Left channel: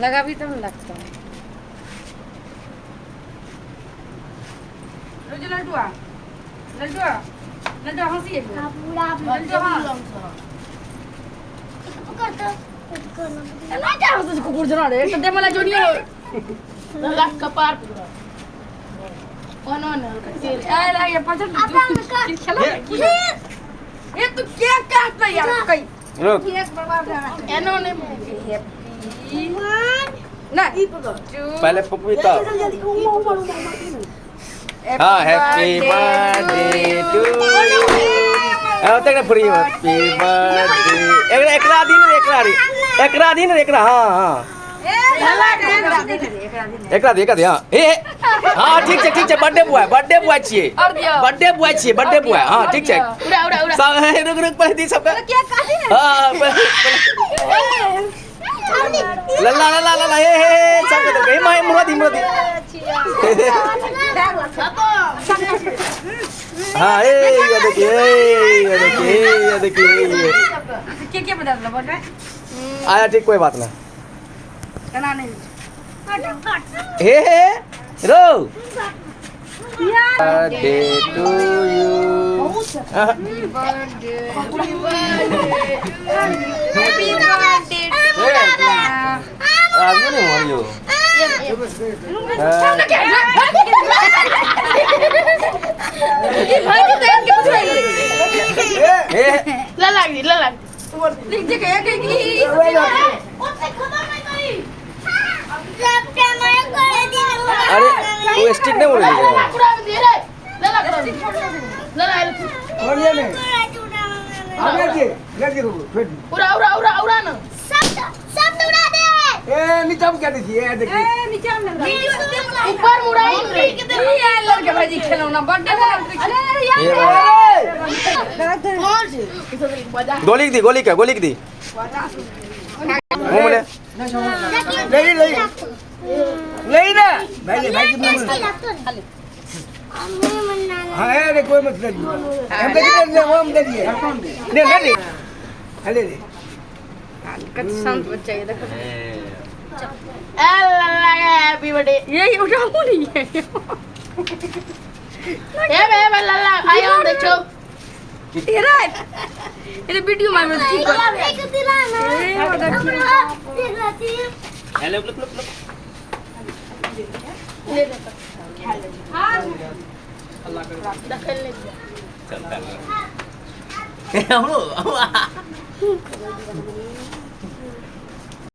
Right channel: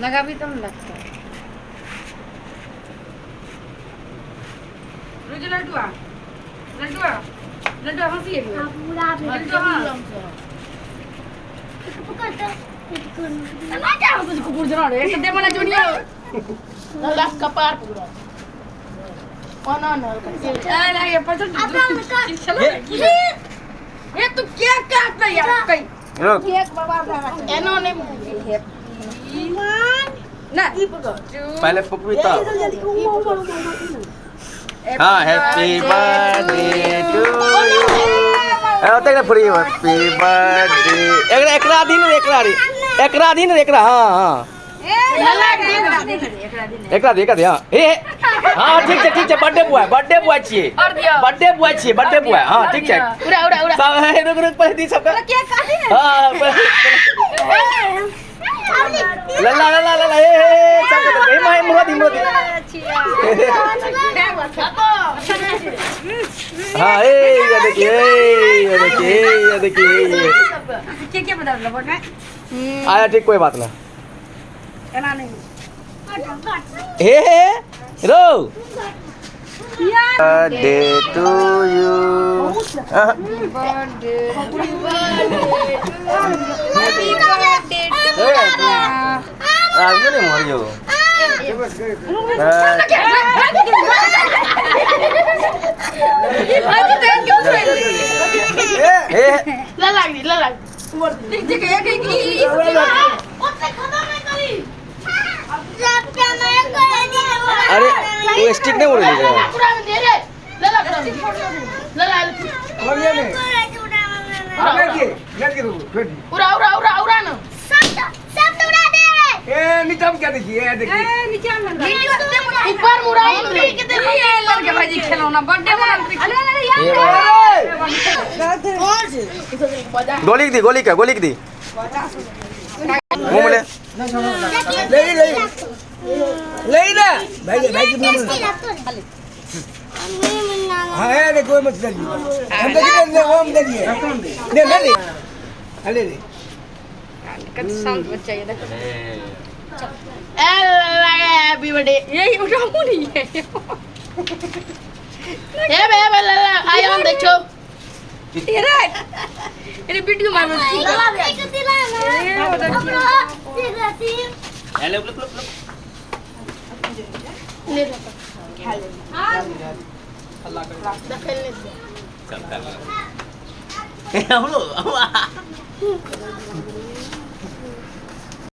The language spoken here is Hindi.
लगा भी तो नहीं लगता लड्डुआ लड्डुआ लड्डुआ हंसी है ना क्या हंसी कुकुर जना रे एक दे वाला जोनिया लास्ट कपार कौन ना अरे ये पचल ये तू क्या काट रहा यार कहीं रुक केक बाबा रहा एनो नहीं हैप्पी ना पहले पपीता हाँ हैप्पी बर्थडे टू यू तक ना फ्री हैप्पी बर्थडे एकरा दिन एकरा हाँ हाँ एकरा दे हाँ ए हाँ ठीक है बर्थडे बॉय छिए बर्थडे बॉय हाँ ठीक है सब रुक पहले दी सबका हाँ लल्ला ए सब कर दे माय मुरादी हाँ ये देखिए क्या बता रहा है आया ठीक कोई बात ना हे रो बर्थडे टू यू आगे नहीं मरियो अरे वो स्टिक नहीं बोल रही क्या देखिए गोली की दी मुंह में ले ना भाई की मुंह में हाँ है कोई मत करिए हम देखिए वो हम देखिए ले ले कितना शांत बच्चा ये देखो हैप्पी बर्थडे यही उठाऊं नहीं है बे लल्ला आई ऑन देखो तेरा ये वीडियो में हेलो लुक ले अल्लाह कर खेलने चलता